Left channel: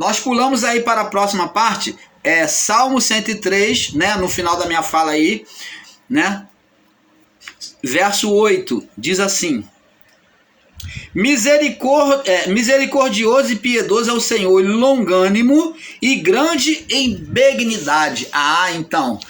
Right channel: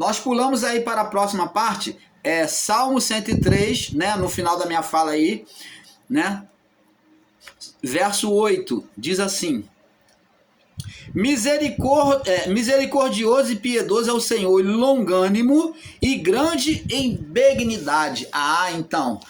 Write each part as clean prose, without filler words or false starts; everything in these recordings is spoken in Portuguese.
Nós pulamos aí para a próxima parte, Salmo 103, né, no final da minha fala aí, né? Verso 8, diz assim: misericordioso e piedoso é o Senhor, longânimo e grande em benignidade. Então,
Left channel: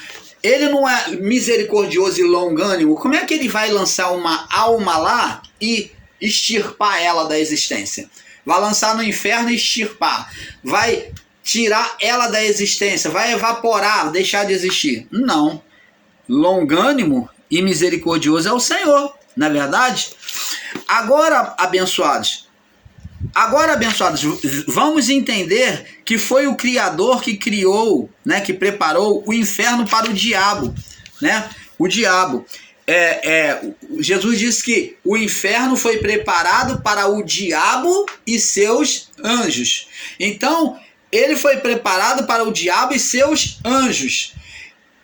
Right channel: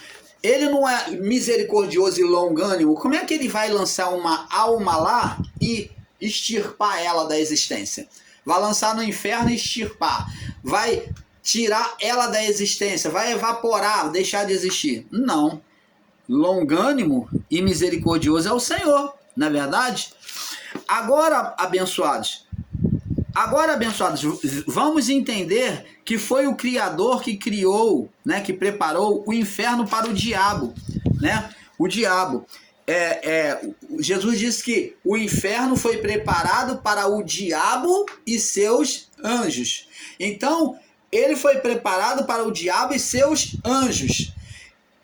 ele não é misericordioso e longânimo. Como é que ele vai lançar uma alma lá e extirpar ela da existência? Vai lançar no inferno e extirpar. Vai tirar ela da existência, vai evaporar, deixar de existir. Não. Longânimo e misericordioso é o Senhor, não é verdade? Agora, abençoados, vamos entender que foi o Criador que criou, né, que preparou o inferno para o diabo, né? O diabo. Jesus disse que o inferno foi preparado para o diabo e seus anjos. Então, ele foi preparado para o diabo e seus anjos.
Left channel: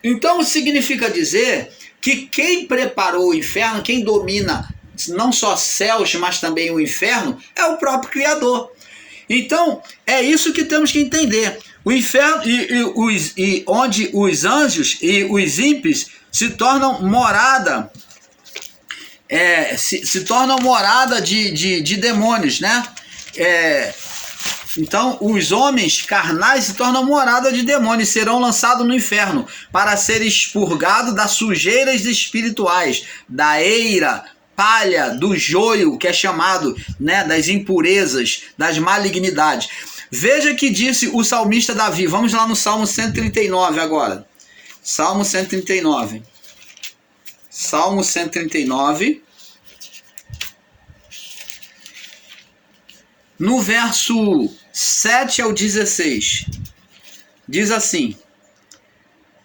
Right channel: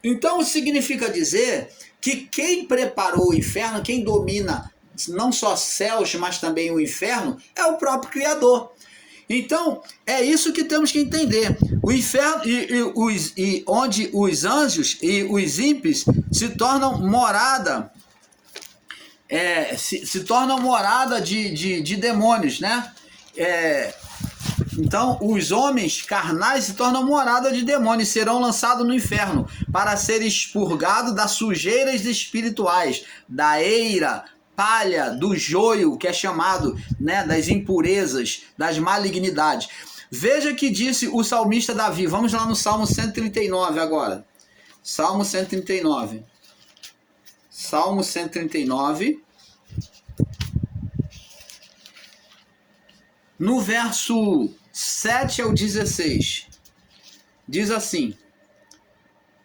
Então, significa dizer que quem preparou o inferno, quem domina não só céus, mas também o inferno, é o próprio Criador. Então, é isso que temos que entender. O inferno, onde os anjos e os ímpios se tornam morada, se tornam morada de demônios, né? Então, os homens carnais se tornam morada de demônios, serão lançados no inferno para serem expurgados das sujeiras espirituais, da eira, palha, do joio, que é chamado, né, das impurezas, das malignidades. Veja que disse o salmista Davi. Vamos lá no Salmo 139 agora. Salmo 139. Salmo 139. No verso 7 ao 16, diz assim:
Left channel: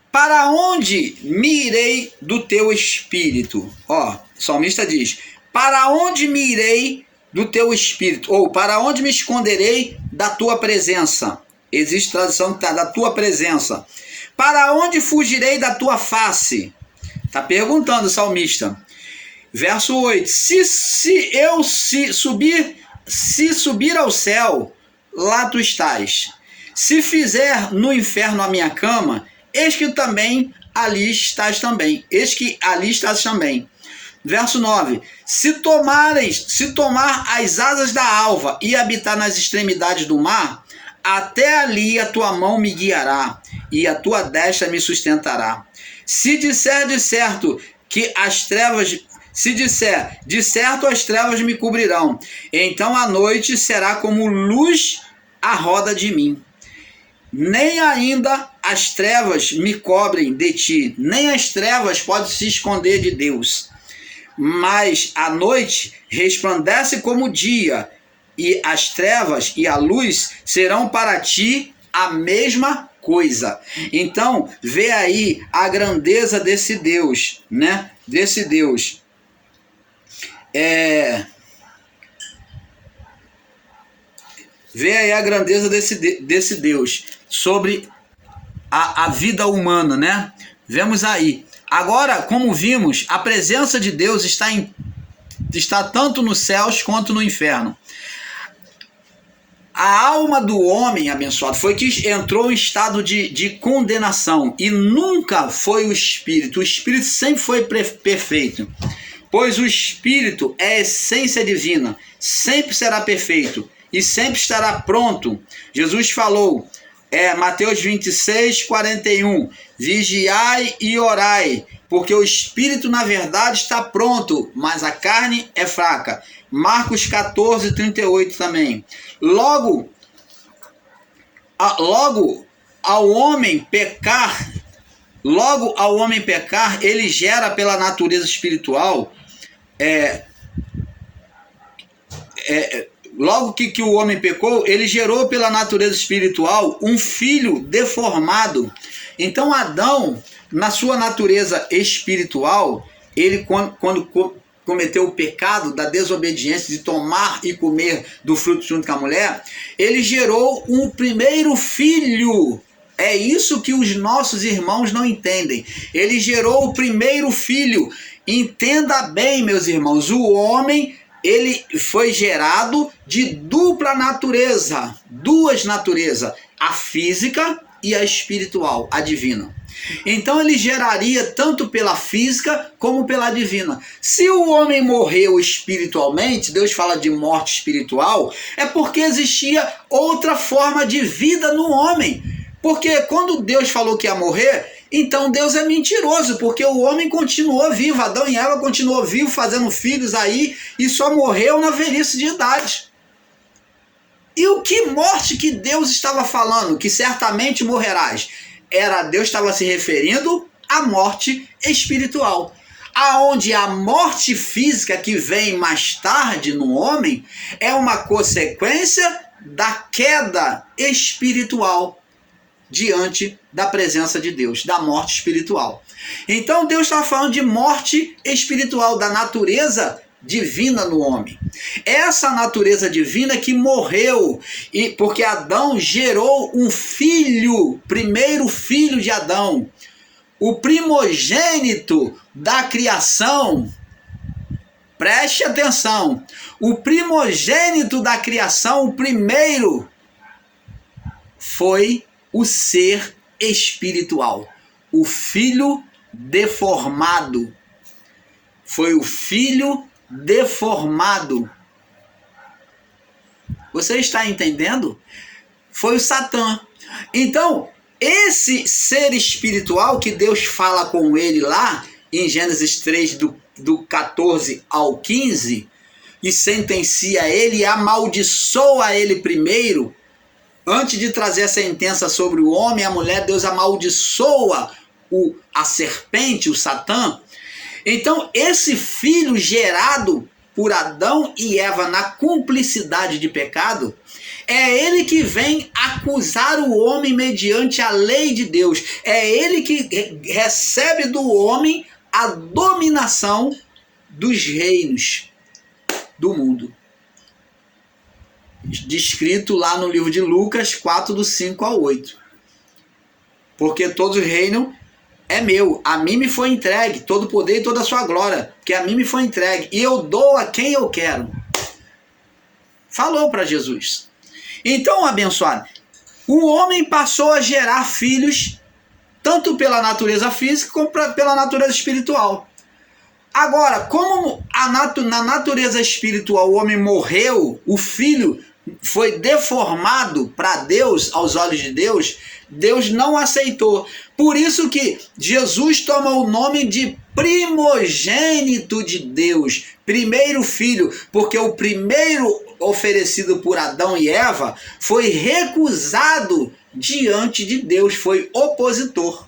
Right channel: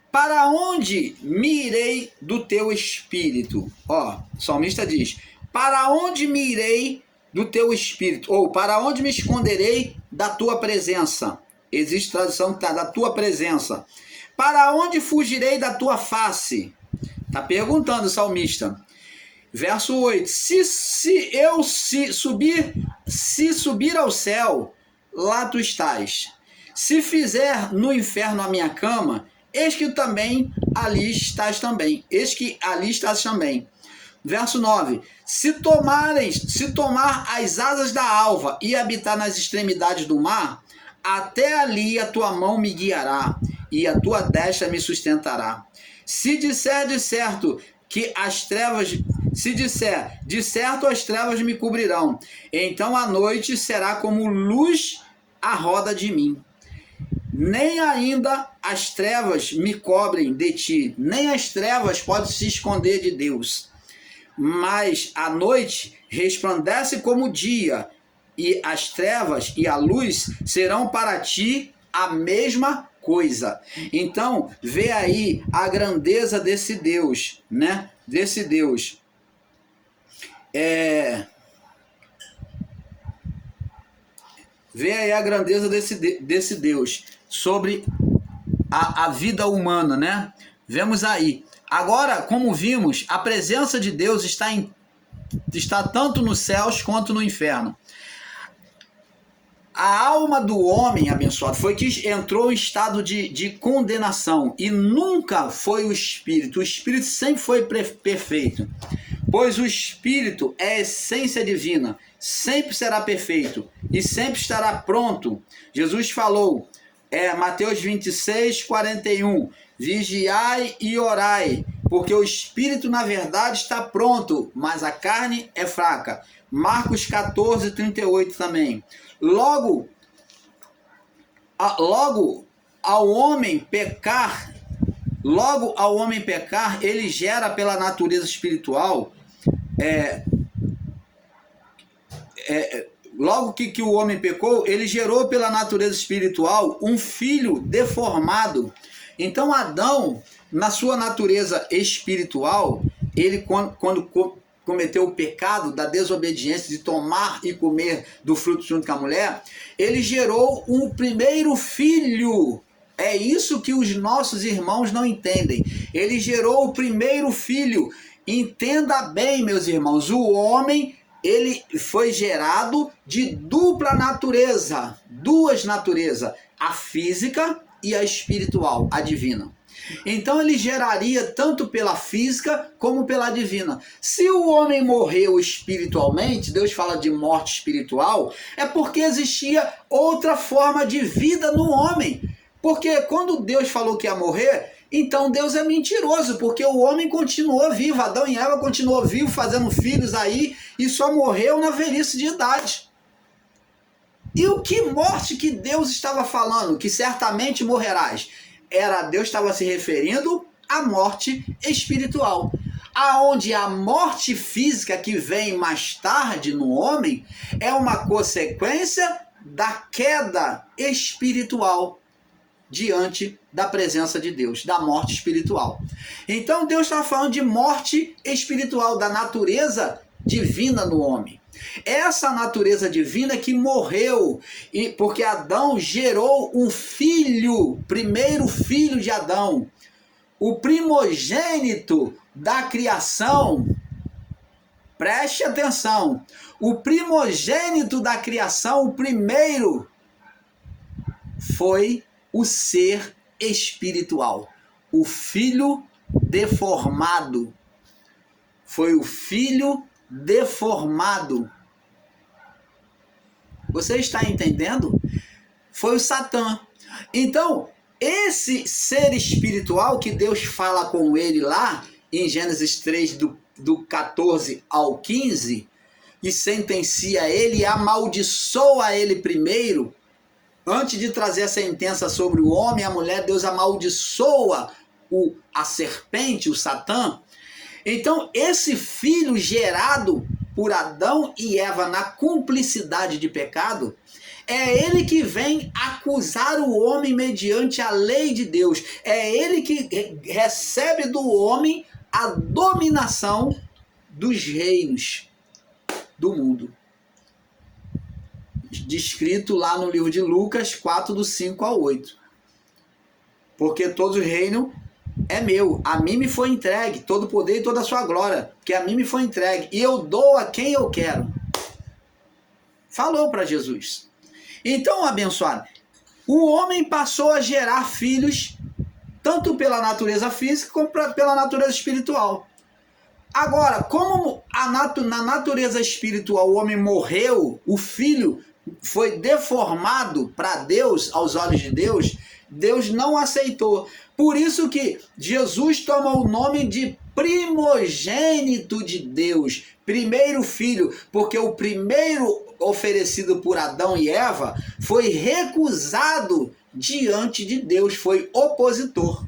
para onde me irei do teu espírito? Ó, o salmista diz: para onde me irei do teu espírito? Ou para onde me esconderei da tua presença? Existe tradução que está da tua presença. Para onde fugirei da tua face? Está perguntando o salmista. Verso 8: se subir ao céu, lá tu estás. Se fizer no inferno a minha cama, eis que também ali estás também. Eis que ali estás também. Verso 9: se tomar as asas da alva e habitar nas extremidades do mar, até ali a tua mão me guiará e a tua destra me sustentará. Se disser de certo que as trevas, se disser de certo as trevas me cobrirão, então a noite será como luz à roda de mim. Nem ainda as trevas me cobrem de ti, nem as trevas podem se esconder de Deus. Mas a noite resplandece como o dia, e as trevas e a luz serão para ti a mesma coisa. Então, vê aí a grandeza desse Deus, né? Desse Deus. Vê aí a grandeza desse Deus sobre a vida humana, né? Vemos aí. Agora, como vimos, a presença de Deus está tanto nos céus quanto no inferno. A alma do homem, abençoado, foi que entrou em estado de condenação, e nunca foi o Espírito. O Espírito sempre foi perfeito, pois o Espírito é a essência divina, sempre será perfeito e sempre estará pronto. Jesus falou, Mateus 26, 41, vigiai e orai, porque o Espírito na verdade está pronto, mas a carne é fraca. Marcos 14, 38 também. Logo ao homem pecar, ele gera pela natureza espiritual, logo que o homem pecou, ele gerou pela natureza espiritual um filho deformado. Então Adão, na sua natureza espiritual, ele quando cometeu o pecado da desobediência de tomar e comer do fruto junto com a mulher, ele gerou um primeiro filho. É isso que os nossos irmãos não entendem. Ele gerou o primeiro filho. Entenda bem, meus irmãos, o homem ele foi gerado de dupla natureza, duas naturezas, a física e a espiritual, a divina. Então ele geraria tanto pela física como pela divina. Se o homem morreu espiritualmente, Deus fala de morte espiritual, é porque existia outra forma de vida no homem. Porque quando Deus falou que ia morrer, então Deus é mentiroso, porque o homem continuou vivo, Adão e Eva continuou vivo, fazendo filhos aí, e só morreu na velhice de idade. E o que morte que Deus estava falando, que certamente morrerás? Deus estava se referindo à morte espiritual. Aonde a morte física que vem mais tarde no homem é uma consequência da queda espiritual diante da presença de Deus, da morte espiritual. Então Deus está falando de morte espiritual, da natureza divina no homem. Essa natureza divina que morreu, e porque Adão gerou um filho, primeiro filho de Adão, o primogênito da criação. Preste atenção, o primogênito da criação, o primeiro, foi o ser espiritual, o filho deformado. Foi o filho deformado. Você está entendendo? Foi o Satã. Então, esse ser espiritual que Deus fala com ele lá em Gênesis 3, do 14 ao 15, e sentencia ele e amaldiçoa ele primeiro, antes de trazer a sentença sobre o homem e a mulher, Deus amaldiçoa a serpente, o Satã. Então, esse filho gerado por Adão e Eva na cumplicidade de pecado, é ele que vem acusar o homem mediante a lei de Deus. É ele que recebe do homem a dominação dos reinos do mundo. Descrito lá no livro de Lucas 4, do 5 ao 8. Porque todo o reino é meu, a mim me foi entregue, todo o poder e toda a sua glória, que a mim me foi entregue, e eu dou a quem eu quero. Falou para Jesus. Então, abençoado, o homem passou a gerar filhos, tanto pela natureza física como pela natureza espiritual. Agora, como na natureza espiritual o homem morreu, o filho foi deformado para Deus, aos olhos de Deus, Deus não aceitou. Por isso que Jesus toma o nome de primogênito de Deus, primeiro filho, porque o primeiro oferecido por Adão e Eva foi recusado diante de Deus, foi opositor.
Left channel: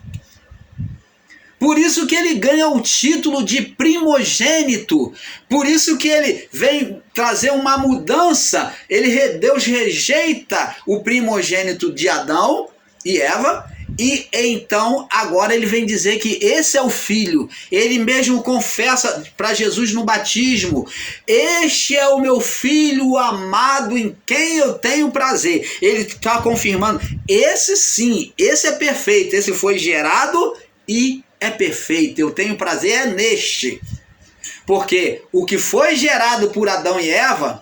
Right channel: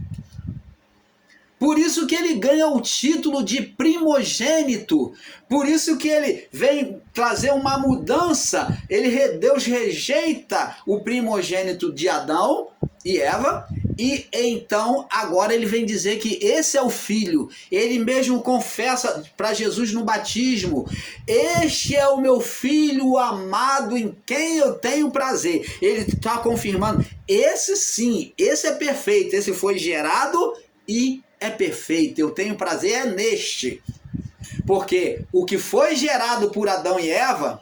Por isso que ele ganha o título de primogênito. Por isso que ele vem trazer uma mudança. Deus rejeita o primogênito de Adão e Eva. E então agora ele vem dizer que esse é o filho. Ele mesmo confessa para Jesus no batismo: este é o meu filho amado em quem eu tenho prazer. Ele está confirmando: esse sim, esse é perfeito. Esse foi gerado e é perfeito, eu tenho prazer é neste. Porque o que foi gerado por Adão e Eva,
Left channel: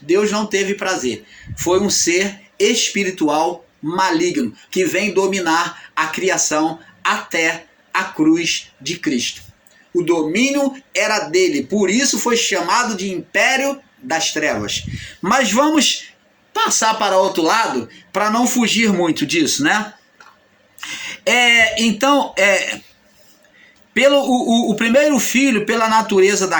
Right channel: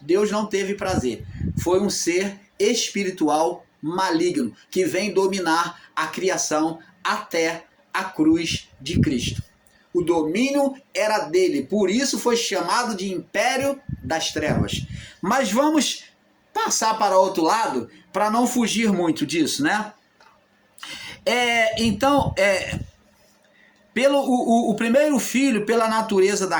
Deus não teve prazer. Foi um ser espiritual maligno, que vem dominar a criação até a cruz de Cristo. O domínio era dele, por isso foi chamado de Império das Trevas. Mas vamos passar para o outro lado, para não fugir muito disso, né? O primeiro filho pela natureza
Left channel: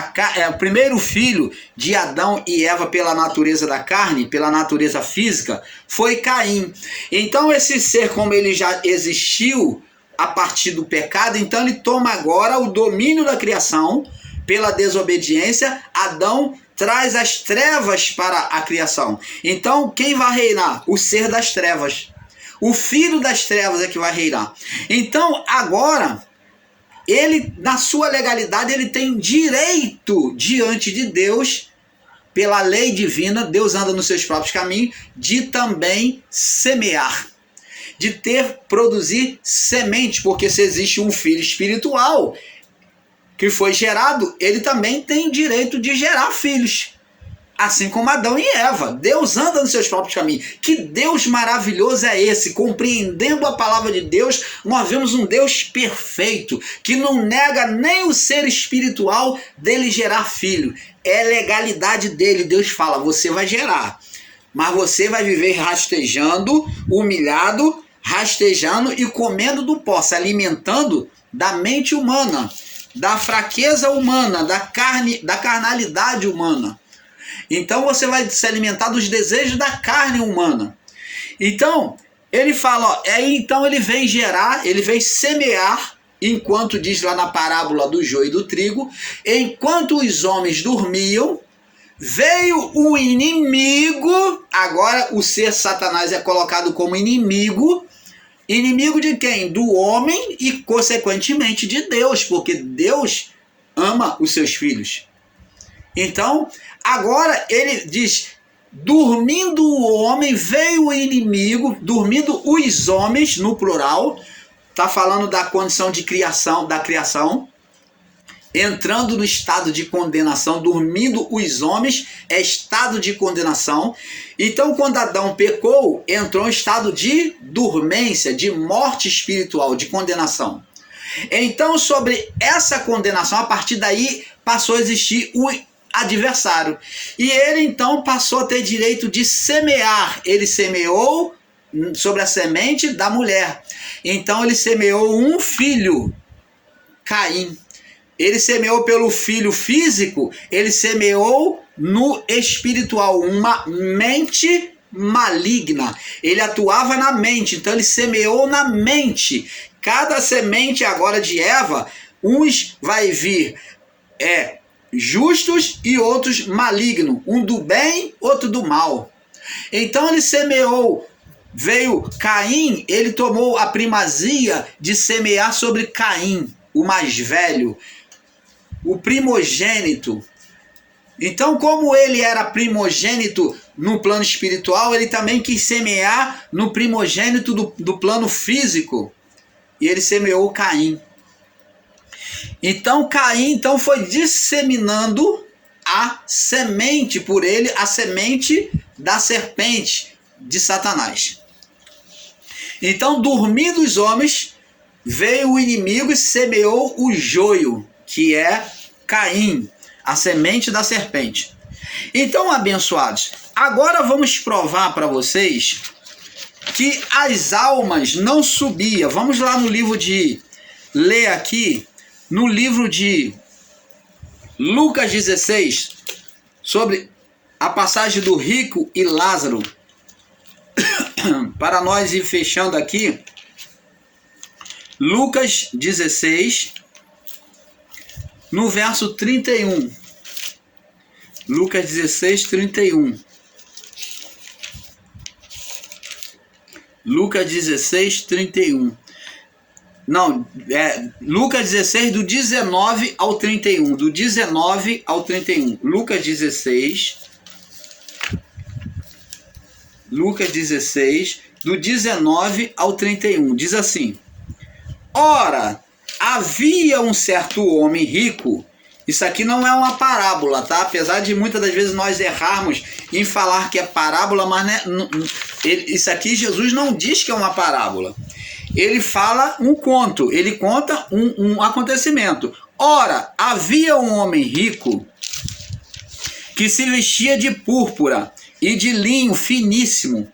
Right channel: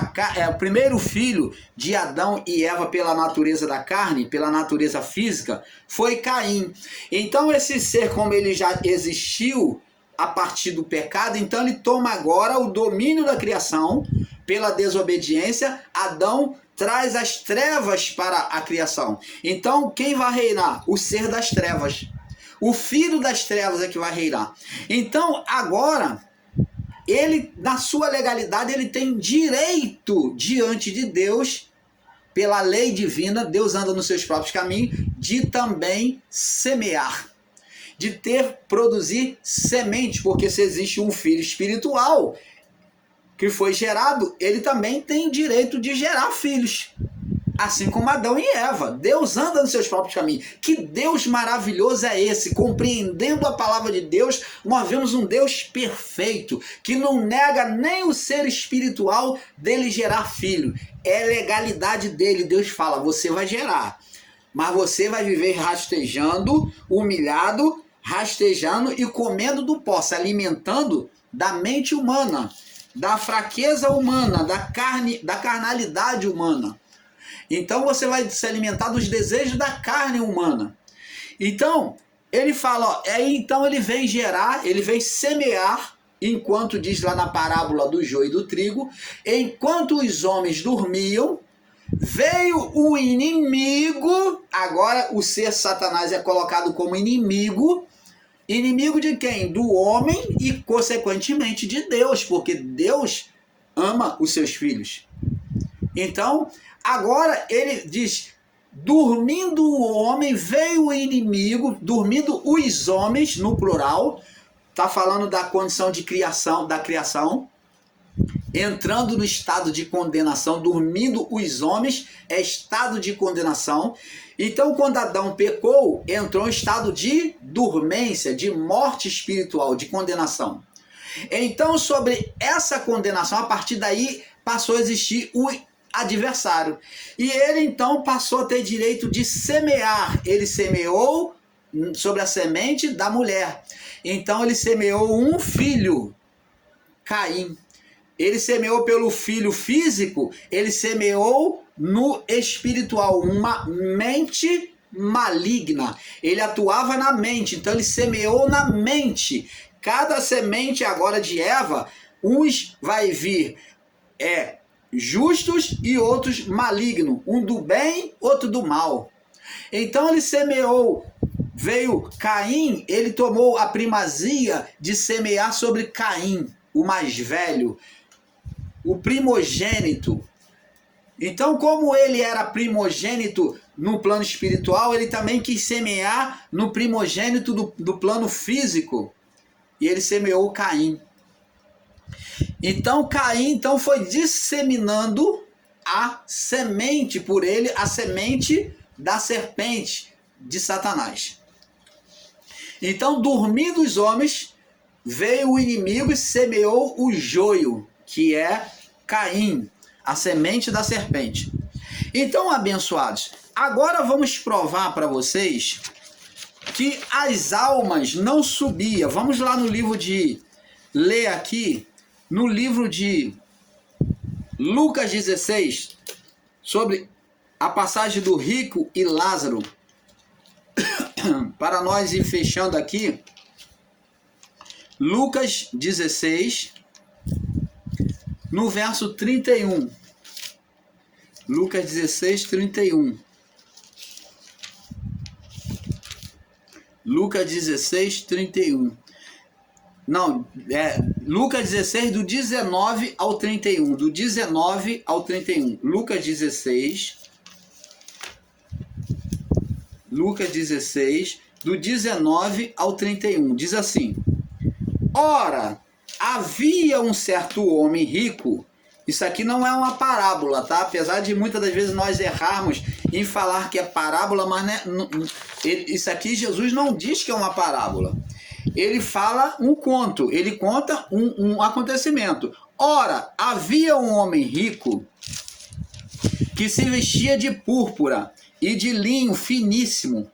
o primeiro filho de Adão e Eva pela natureza da carne, pela natureza física, foi Caim. Então esse ser, como ele já existiu a partir do pecado, então ele toma agora o domínio da criação pela desobediência. Adão traz as trevas para a criação. Então quem vai reinar? O ser das trevas. O filho das trevas é que vai reinar. Então, agora, ele, na sua legalidade, ele tem direito diante de Deus, pela lei divina, Deus anda nos seus próprios caminhos, de também semear, de produzir semente, porque se existe um filho espiritual, que foi gerado, ele também tem direito de gerar filhos. Assim como Adão e Eva. Deus anda nos seus próprios caminhos. Que Deus maravilhoso é esse? Compreendendo a palavra de Deus, nós vemos um Deus perfeito, que não nega nem o ser espiritual dele gerar filho. É legalidade dele. Deus fala, você vai gerar, mas você vai viver rastejando, humilhado, rastejando e comendo do pó, se alimentando da mente humana, da fraqueza humana, da carnalidade humana. Então você vai se alimentar dos desejos da carne humana. Então, ele fala, ó, então ele vem gerar, ele vem semear, enquanto diz lá na parábola do joio e do trigo, enquanto os homens dormiam, veio o inimigo, agora o ser Satanás é colocado como inimigo. Inimigo de quem? Do homem e, consequentemente, de Deus, porque Deus ama os seus filhos. Então, agora ele diz, dormindo o homem, veio o inimigo, dormindo os homens, no plural, está falando da condição de criação, da criação, entrando no estado de condenação, dormindo os homens, é estado de condenação. Então, quando Adão pecou, entrou em estado de dormência, de morte espiritual, de condenação. Então, sobre essa condenação, a partir daí, passou a existir o adversário. E ele, então, passou a ter direito de semear. Ele semeou sobre a semente da mulher. Então, ele semeou um filho, Caim. Ele semeou pelo filho físico, ele semeou no espiritual, uma mente maligna. Ele atuava na mente, então ele semeou na mente. Cada semente agora de Eva, uns vai vir justos e outros malignos, um do bem, outro do mal. Então ele semeou, veio Caim, ele tomou a primazia de semear sobre Caim, o mais velho, o primogênito. Então, como ele era primogênito no plano espiritual, ele também quis semear no primogênito do plano físico. E ele semeou Caim. Então, Caim foi disseminando a semente por ele, a semente da serpente de Satanás. Então, dormindo os homens, veio o inimigo e semeou o joio, que é Caim, a semente da serpente. Então, abençoados, agora vamos provar para vocês que as almas não subiam. Vamos lá no livro de... ler aqui, no livro de Lucas 16, sobre a passagem do rico e Lázaro. Para nós ir fechando aqui, Lucas 16... no verso 31. Lucas 16, 31. Lucas 16, 31. Não, Lucas 16, do 19 ao 31. Do 19 ao 31. Lucas 16. Lucas 16, do 19 ao 31. Diz assim: ora, havia um certo homem rico. Isso aqui não é uma parábola, tá? Apesar de muitas das vezes nós errarmos em falar que é parábola, mas isso aqui Jesus não diz que é uma parábola. Ele fala um conto, ele conta um acontecimento. Ora, havia um homem rico que se vestia de púrpura e de linho finíssimo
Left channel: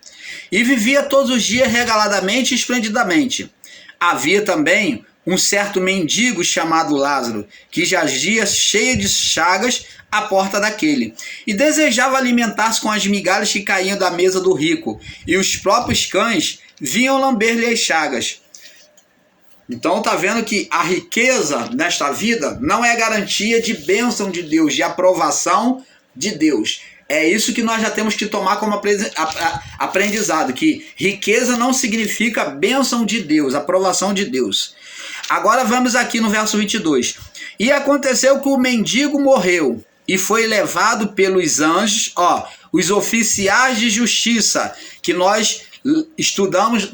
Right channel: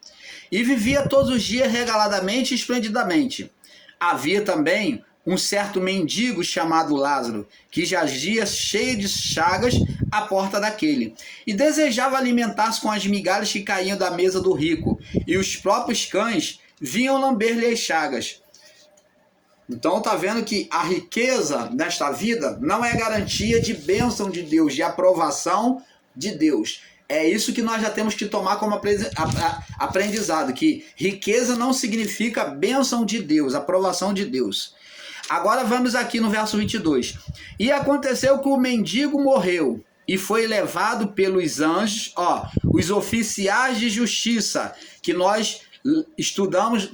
e vivia todos os dias regaladamente e esplendidamente. Havia também um certo mendigo chamado Lázaro, que jazia cheio de chagas à porta daquele, e desejava alimentar-se com as migalhas que caíam da mesa do rico, e os próprios cães vinham lamber-lhe as chagas. Então está vendo que a riqueza nesta vida não é garantia de bênção de Deus, de aprovação de Deus. É isso que nós já temos que tomar como aprendizado, que riqueza não significa bênção de Deus, aprovação de Deus. Agora vamos aqui no verso 22. E aconteceu que o mendigo morreu e foi levado pelos anjos, os oficiais de justiça, que nós estudamos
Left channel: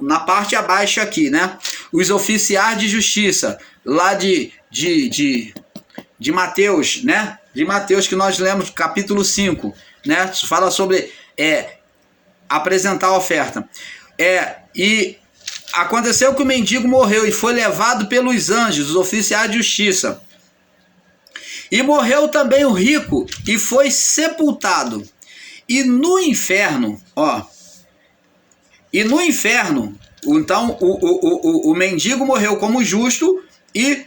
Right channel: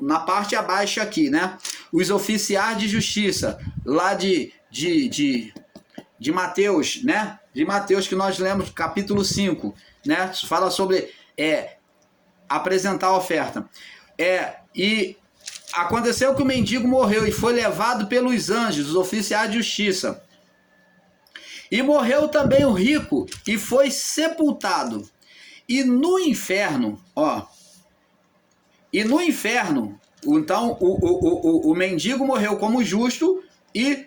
na parte abaixo aqui, né? os oficiais de justiça, lá de Mateus, né? De Mateus, que nós lemos, capítulo 5, né? Fala sobre apresentar a oferta. E aconteceu que o mendigo morreu e foi levado pelos anjos, os oficiais de justiça. E morreu também o rico e foi sepultado. E no inferno, então o mendigo morreu como justo e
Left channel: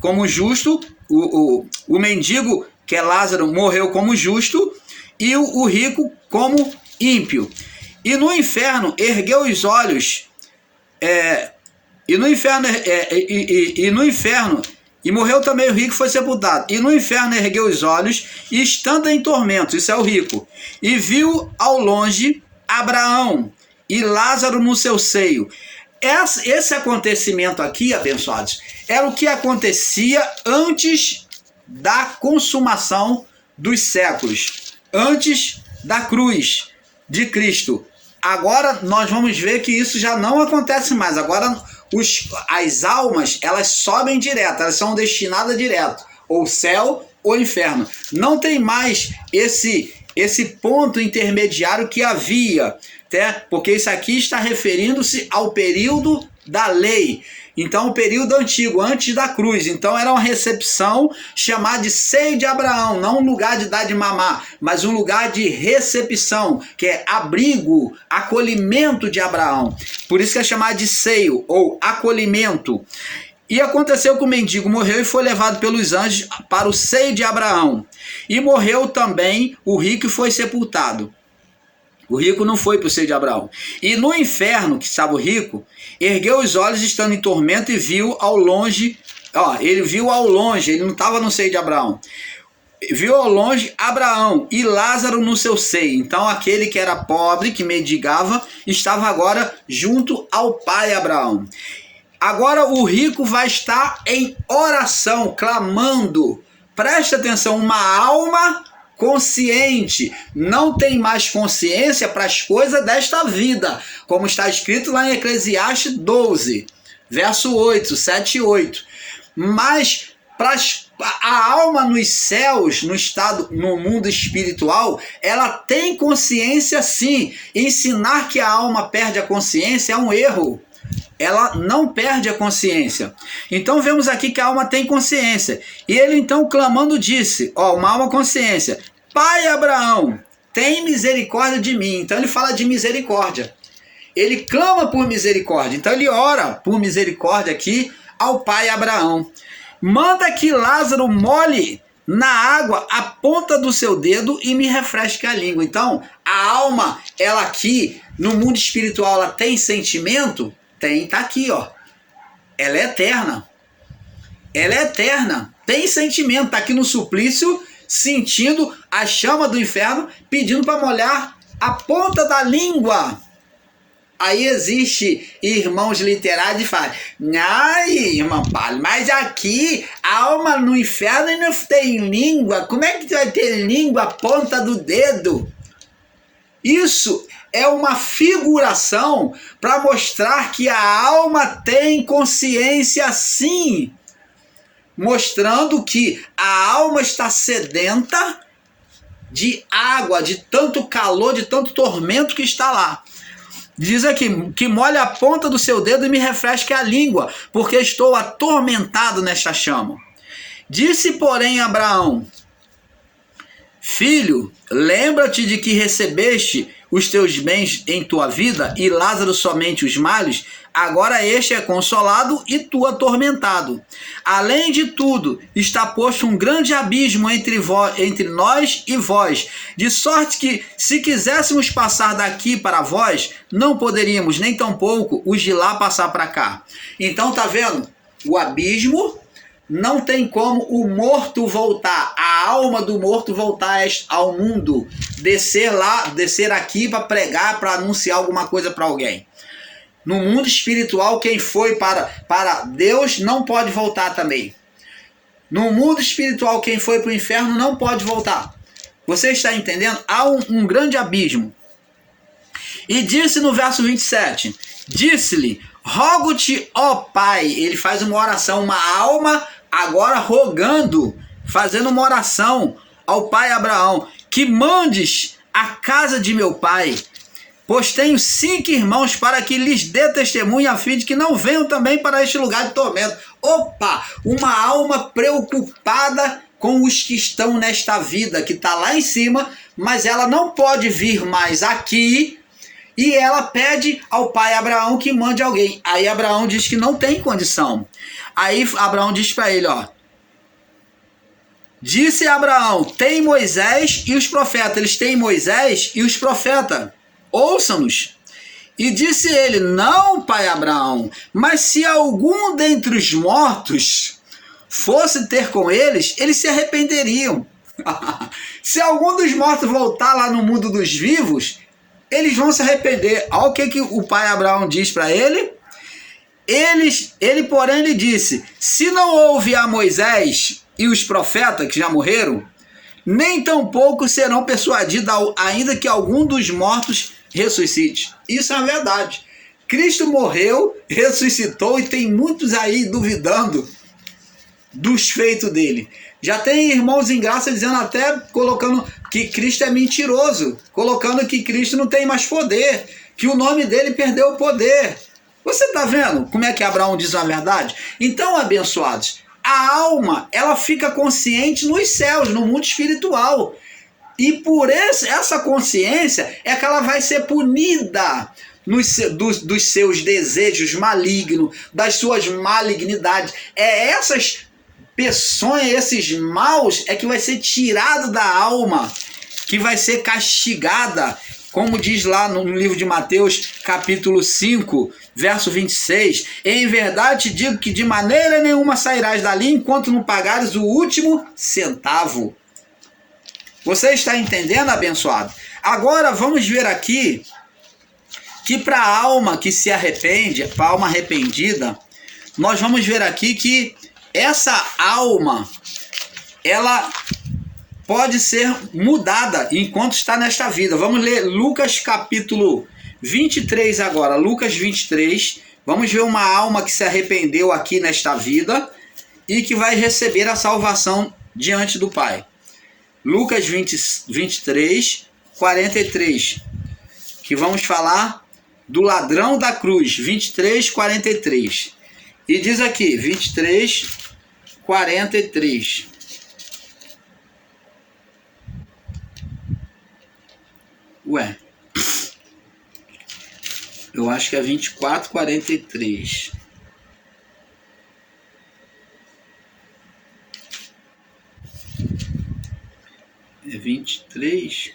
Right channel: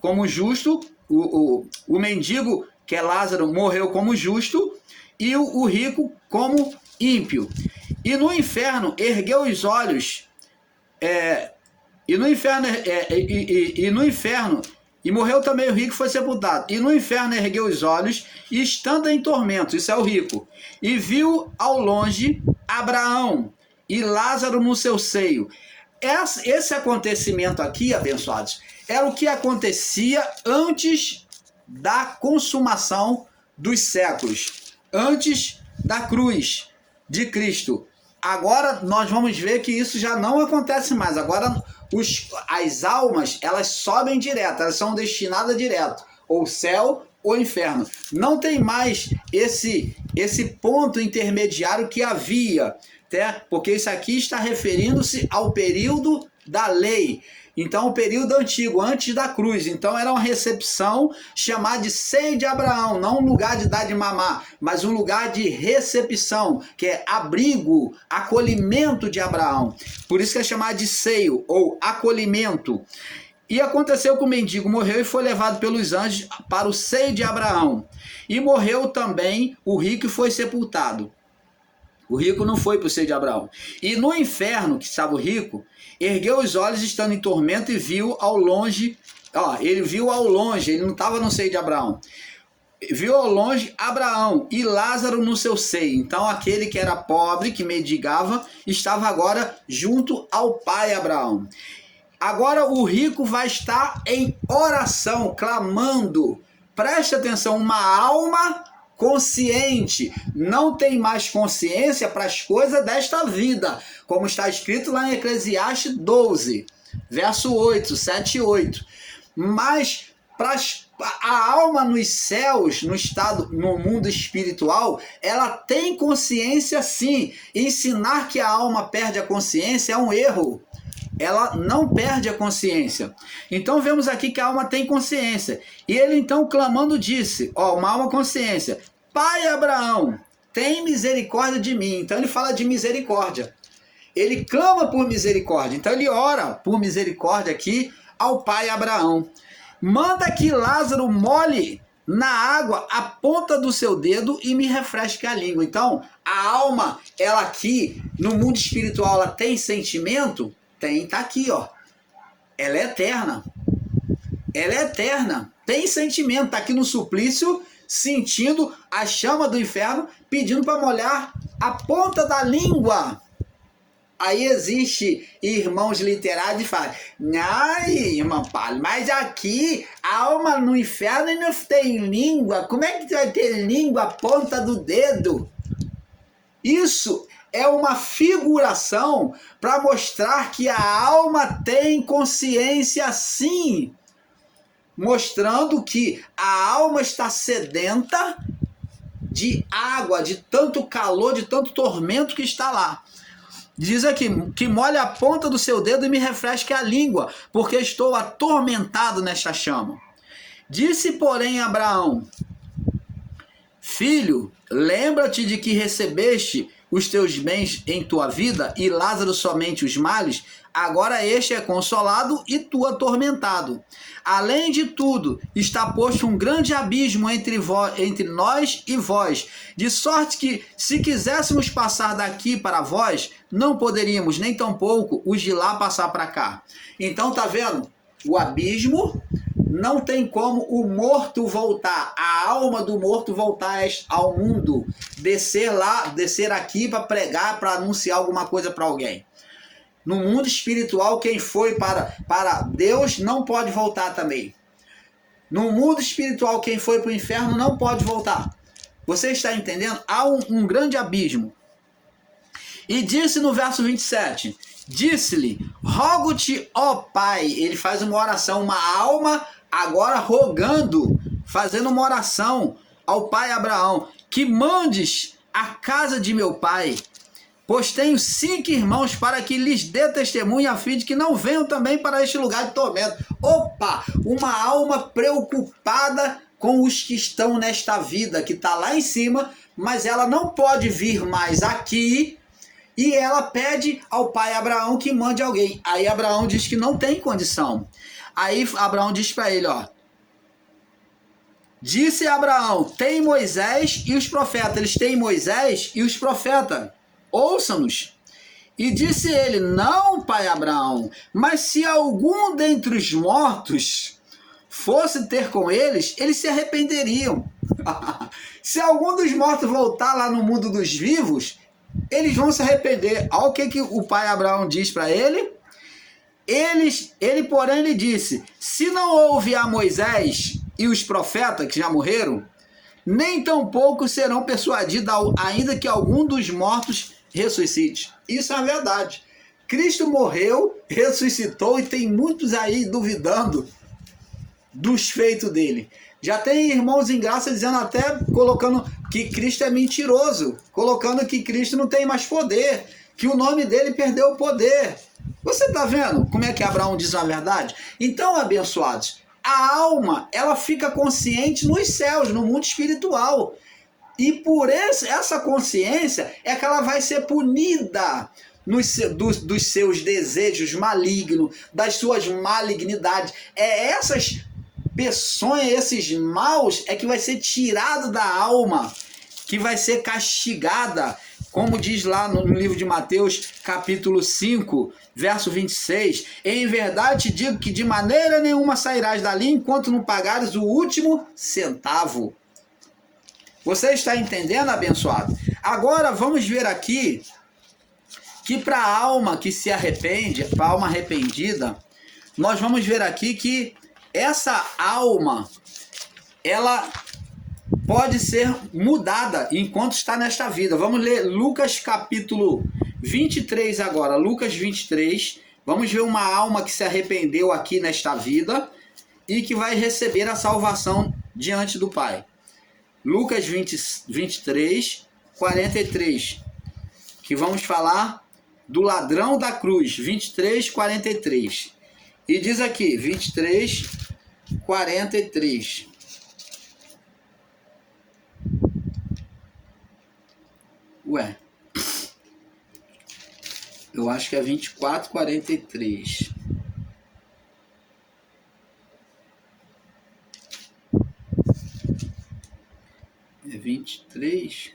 como justo, o mendigo, que é Lázaro, morreu como justo e o rico como ímpio. E no inferno ergueu os olhos, e morreu também o rico e foi sepultado. E no inferno ergueu os olhos, e estando em tormento, isso é o rico, e viu ao longe Abraão e Lázaro no seu seio. Esse acontecimento aqui, abençoados, era o que acontecia antes da consumação dos séculos, antes da cruz de Cristo. Agora nós vamos ver que isso já não acontece mais. Agora as almas, elas sobem direto, elas são destinadas direto, ou céu ou inferno. Não tem mais esse ponto intermediário que havia, porque isso aqui está referindo-se ao período da lei. Então, o período antigo, antes da cruz. Então, era uma recepção chamada de seio de Abraão. Não um lugar de dar de mamar, mas um lugar de recepção, que é abrigo, acolhimento de Abraão. Por isso que é chamado de seio, ou acolhimento. E aconteceu que o mendigo morreu e foi levado pelos anjos para o seio de Abraão. E morreu também o rico e foi sepultado. O rico não foi para o seio de Abraão. E no inferno, que estava o rico, ergueu os olhos estando em tormento e viu ao longe, ele viu ao longe, ele não estava no seio de Abraão. Viu ao longe Abraão e Lázaro no seu seio. Então aquele que era pobre, que mendigava, estava agora junto ao pai Abraão. Agora o rico vai estar em oração, clamando. Preste atenção, uma alma consciente, não tem mais consciência para as coisas desta vida, como está escrito lá em Eclesiastes 12, verso 8, 7 e 8. Mas a alma nos céus, no mundo espiritual, ela tem consciência sim. Ensinar que a alma perde a consciência é um erro. Ela não perde a consciência. Então vemos aqui que a alma tem consciência. E ele então clamando disse, uma alma consciência, pai Abraão, tem misericórdia de mim. Então ele fala de misericórdia. Ele clama por misericórdia. Então ele ora por misericórdia aqui ao pai Abraão. Manda que Lázaro molhe na água a ponta do seu dedo e me refresque a língua. Então a alma, ela aqui no mundo espiritual, ela tem sentimento? Tá aqui, ela é eterna, tem sentimento, tá aqui no suplício, sentindo a chama do inferno, pedindo para molhar a ponta da língua. Aí existe irmãos literários que falam, ai, irmão Paulo, mas aqui a alma no inferno não tem língua, como é que vai ter língua a ponta do dedo? Isso é uma figuração para mostrar que a alma tem consciência sim, mostrando que a alma está sedenta de água, de tanto calor, de tanto tormento que está lá. Diz aqui, que molhe a ponta do seu dedo e me refresque a língua, porque estou atormentado nesta chama. Disse, porém, Abraão, filho, lembra-te de que recebeste os teus bens em tua vida e Lázaro somente os males, agora este é consolado e tu atormentado. Além de tudo, está posto um grande abismo entre nós e vós, de sorte que, se quiséssemos passar daqui para vós, não poderíamos, nem tampouco os de lá passar para cá. Então, tá vendo? O abismo não tem como o morto voltar, a alma do morto voltar ao mundo, descer aqui para pregar, para anunciar alguma coisa para alguém. No mundo espiritual, quem foi para Deus não pode voltar também. No mundo espiritual, quem foi para o inferno não pode voltar. Você está entendendo? Há um grande abismo. E disse no verso 27, Disse-lhe: rogo-te, ó Pai. Ele faz uma oração, uma alma agora rogando, fazendo uma oração ao pai Abraão, que mandes a casa de meu pai, pois tenho 5 irmãos, para que lhes dê testemunho, a fim de que não venham também para este lugar de tormento. Opa! Uma alma preocupada com os que estão nesta vida, que está lá em cima, mas ela não pode vir mais aqui, e ela pede ao pai Abraão que mande alguém. Aí Abraão diz que não tem condição. Aí Abraão diz para ele, ó: disse Abraão, tem Moisés e os profetas. Eles têm Moisés e os profetas. Ouçam-nos. E disse ele: não, pai Abraão, mas se algum dentre os mortos fosse ter com eles, eles se arrependeriam. Se algum dos mortos voltar lá no mundo dos vivos, eles vão se arrepender. Olha o que o pai Abraão diz para ele. Ele, porém, lhe disse: se não houve a Moisés e os profetas que já morreram, nem tampouco serão persuadidos, ainda que algum dos mortos ressuscite. Isso é a verdade. Cristo morreu, ressuscitou, e tem muitos aí duvidando dos feitos dele. Já tem irmãos em graça dizendo, até colocando que Cristo é mentiroso, colocando que Cristo não tem mais poder, que o nome dele perdeu o poder. Você está vendo como é que Abraão diz a verdade? Então, abençoados, a alma, ela fica consciente nos céus, no mundo espiritual. E por essa consciência é que ela vai ser punida dos seus desejos malignos, das suas malignidades. É essas peçonhas, esses maus, é que vai ser tirado da alma, que vai ser castigada. Como diz lá no livro de Mateus, capítulo 5, verso 26, em verdade te digo que de maneira nenhuma sairás dali enquanto não pagares o último centavo. Você está entendendo, abençoado? Agora vamos ver aqui que para a alma que se arrepende, para a alma arrependida, nós vamos ver aqui que essa alma, ela pode ser mudada enquanto está nesta vida. Vamos ler Lucas capítulo 23 agora. Lucas 23. Vamos ver uma alma que se arrependeu aqui nesta vida e que vai receber a salvação diante do Pai. Lucas 23, 43. Que vamos falar do ladrão da cruz. 23, 43. E diz aqui, 23, 43. Ué, eu acho que é 24, 43. É 23,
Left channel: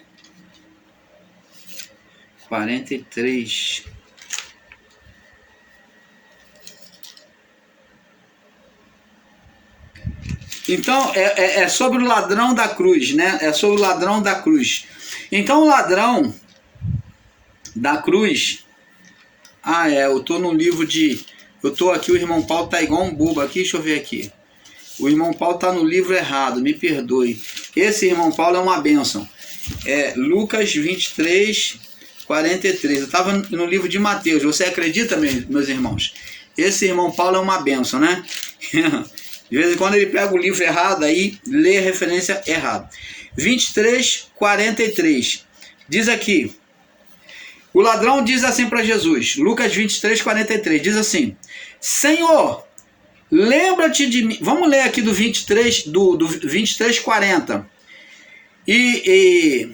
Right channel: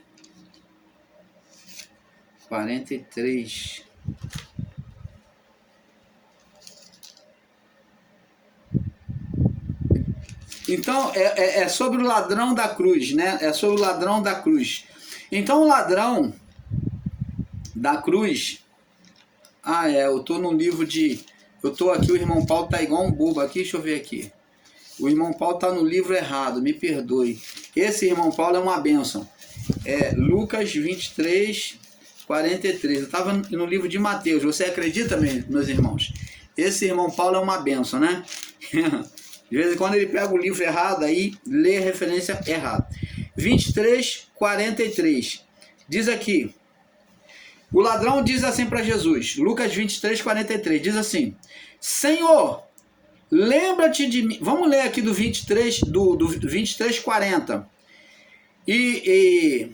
43. Então, é sobre o ladrão da cruz, né? É sobre o ladrão da cruz. Então, o ladrão da cruz... eu tô no livro de... Eu tô aqui, o irmão Paulo tá igual um bobo aqui, deixa eu ver aqui. O irmão Paulo tá no livro errado, me perdoe. Esse irmão Paulo é uma bênção. É Lucas 23, 43. Eu tava no livro de Mateus. Você acredita, meus irmãos? Esse irmão Paulo é uma bênção, né? De vez em quando ele pega o livro errado, aí lê a referência errada. 23, 43. Diz aqui. O ladrão diz assim para Jesus. Lucas 23, 43. Diz assim: Senhor, lembra-te de mim. Vamos ler aqui do 23, do 23, 40. E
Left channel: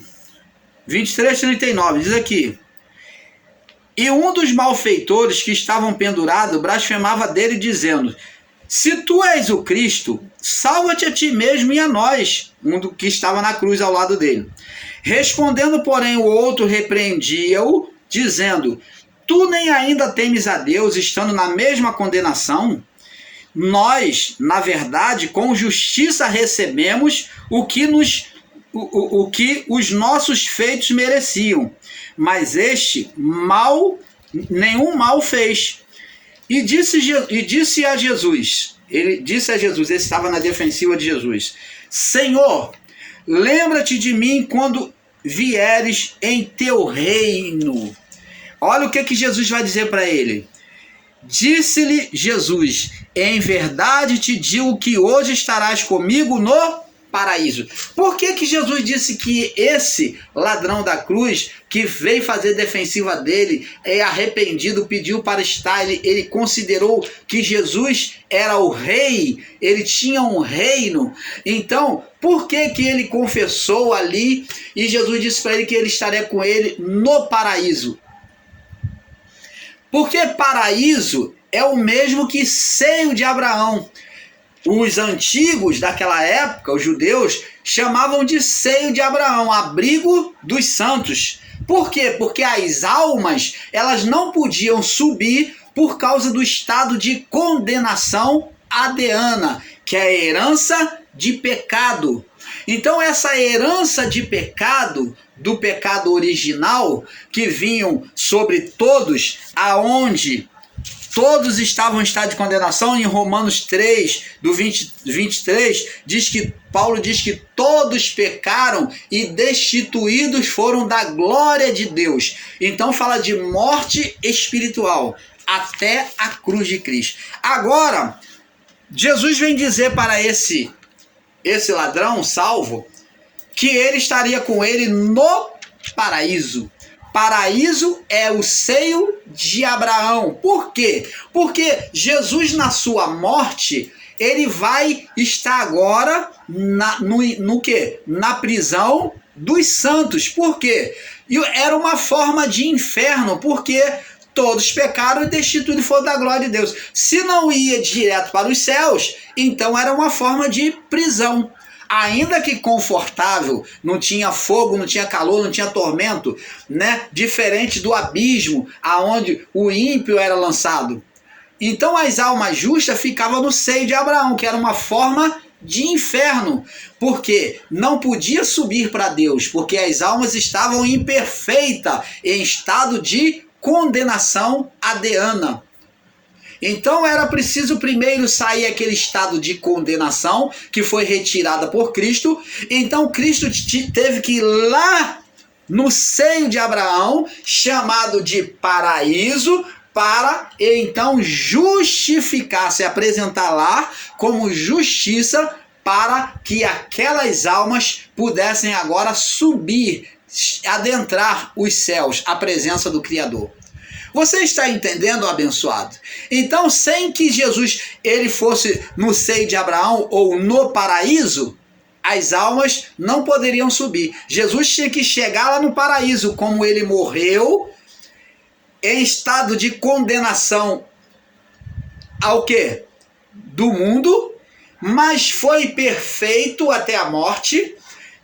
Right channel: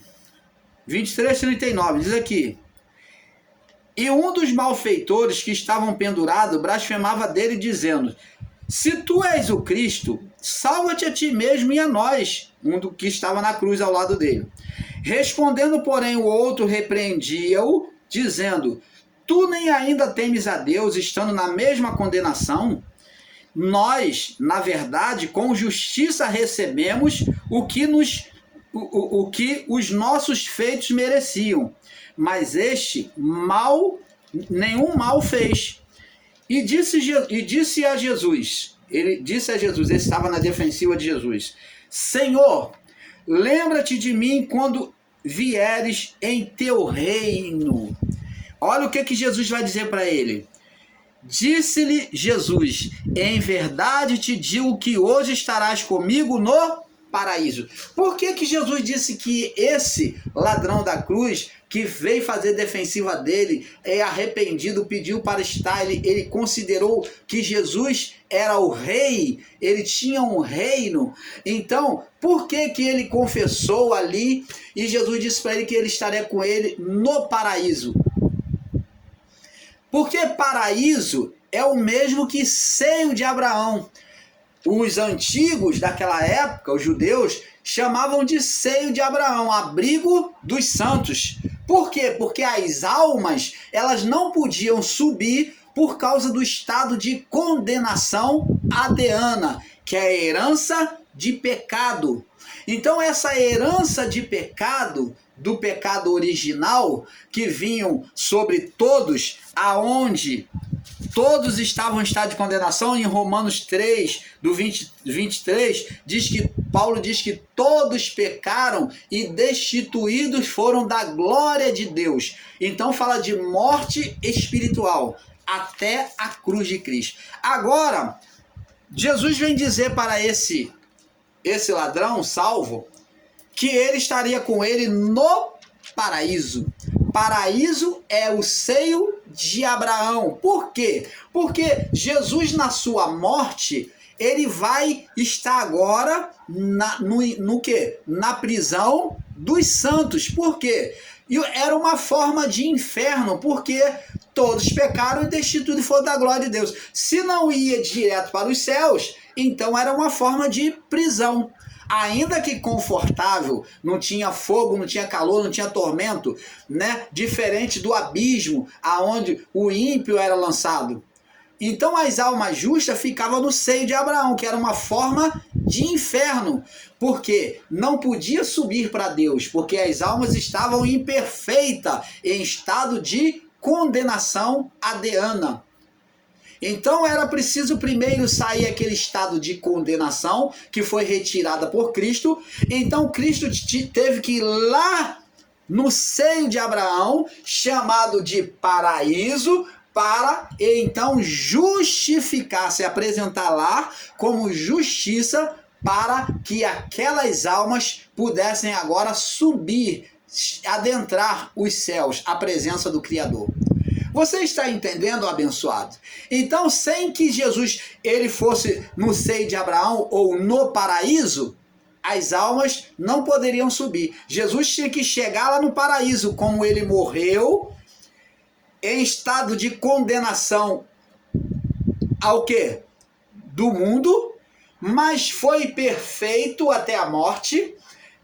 23, 39. Diz aqui: e um dos malfeitores que estavam pendurados blasfemava dele, dizendo: se tu és o Cristo, salva-te a ti mesmo e a nós. Um do que estava na cruz ao lado dele. Respondendo, porém, o outro repreendia-o, dizendo: tu nem ainda temes a Deus, estando na mesma condenação? Nós, na verdade, com justiça recebemos o que os nossos feitos mereciam, mas este nenhum mal fez. E disse a Jesus, ele estava na defensiva de Jesus: Senhor, lembra-te de mim quando vieres em teu reino. Olha o que Jesus vai dizer para ele. Disse-lhe Jesus: em verdade te digo que hoje estarás comigo no paraíso. Por que Jesus disse que esse ladrão da cruz, que veio fazer defensiva dele, é arrependido, pediu para estar, ele considerou que Jesus era o rei, ele tinha um reino. Então, por que ele confessou ali e Jesus disse para ele que ele estaria com ele no paraíso? Porque paraíso é o mesmo que seio de Abraão. Os antigos daquela época, os judeus, chamavam de seio de Abraão, abrigo dos santos. Por quê? Porque as almas, elas não podiam subir por causa do estado de condenação adeana, que é a herança de pecado. Então essa herança de pecado, do pecado original, que vinham sobre todos, aonde todos estavam em estado de condenação. Em Romanos 3, do 23, Paulo diz que todos pecaram e destituídos foram da glória de Deus. Então fala de morte espiritual, até a cruz de Cristo. Agora, Jesus vem dizer para esse ladrão salvo que ele estaria com ele no paraíso. Paraíso é o seio de Abraão. Por quê? Porque Jesus, na sua morte, ele vai estar agora no quê? Na prisão dos santos. Por quê? Era uma forma de inferno, porque todos pecaram e destituídos foram da glória de Deus. Se não ia direto para os céus, então era uma forma de prisão. Ainda que confortável, não tinha fogo, não tinha calor, não tinha tormento, né? Diferente do abismo, aonde o ímpio era lançado. Então as almas justas ficavam no seio de Abraão, que era uma forma de inferno, porque não podia subir para Deus, porque as almas estavam imperfeitas, em estado de condenação adeana. Então era preciso primeiro sair aquele estado de condenação que foi retirada por Cristo. Então Cristo teve que ir lá no seio de Abraão, chamado de paraíso, para então justificar, se apresentar lá como justiça, para que aquelas almas pudessem agora subir, adentrar os céus, a presença do Criador. Você está entendendo, abençoado? Então, sem que Jesus ele fosse no seio de Abraão ou no paraíso, as almas não poderiam subir. Jesus tinha que chegar lá no paraíso, como ele morreu em estado de condenação ao quê? Do mundo, mas foi perfeito até a morte.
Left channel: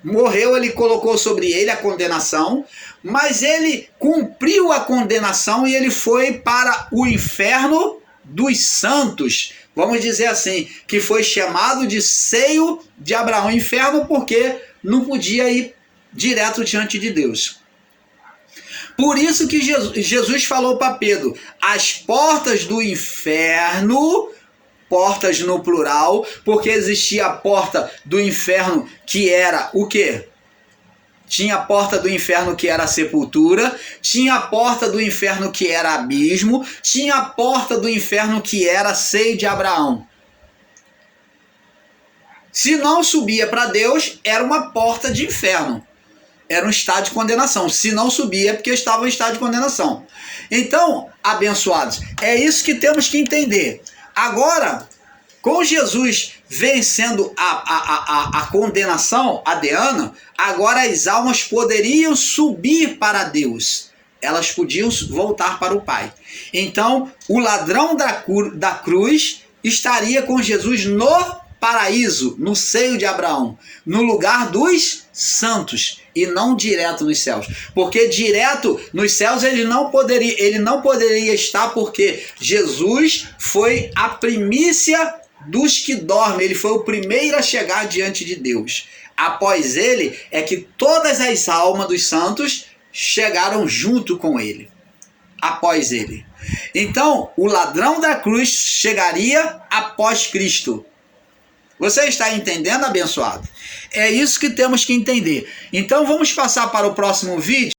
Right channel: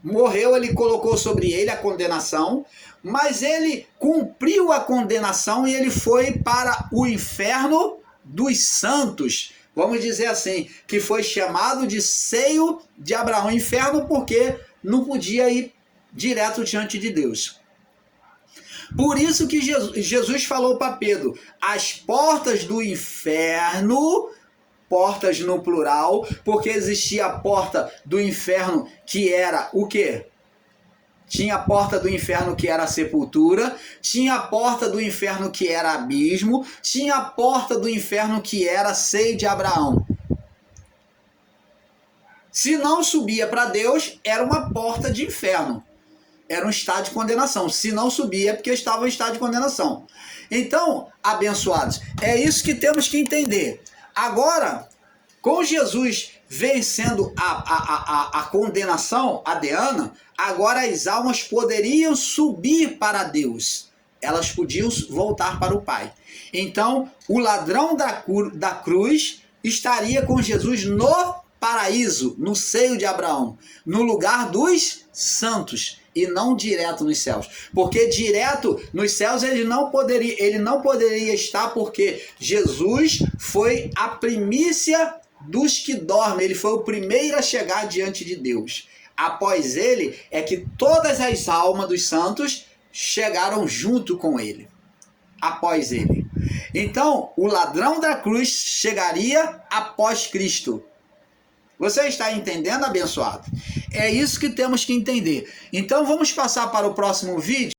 Morreu, ele colocou sobre ele a condenação, mas ele cumpriu a condenação e ele foi para o inferno dos santos. Vamos dizer assim, que foi chamado de seio de Abraão. Inferno porque não podia ir direto diante de Deus. Por isso que Jesus falou para Pedro, as portas do inferno, portas no plural, porque existia a porta do inferno que era o quê? Tinha a porta do inferno que era a sepultura, tinha a porta do inferno que era abismo, tinha a porta do inferno que era seio de Abraão. Se não subia para Deus, era uma porta de inferno. Era um estado de condenação. Se não subia, é porque estava em estado de condenação. Então, abençoados, é isso que temos que entender. Agora, com Jesus vencendo a condenação adeana, agora as almas poderiam subir para Deus. Elas podiam voltar para o Pai. Então, o ladrão da cruz estaria com Jesus no paraíso, no seio de Abraão, no lugar dos santos e não direto nos céus, porque direto nos céus ele não poderia estar, porque Jesus foi a primícia dos que dormem, ele foi o primeiro a chegar diante de Deus. Após ele é que todas as almas dos santos chegaram junto com ele, após ele. Então o ladrão da cruz chegaria após Cristo. Você está entendendo, abençoado? É isso que temos que entender. Então vamos passar para o próximo vídeo.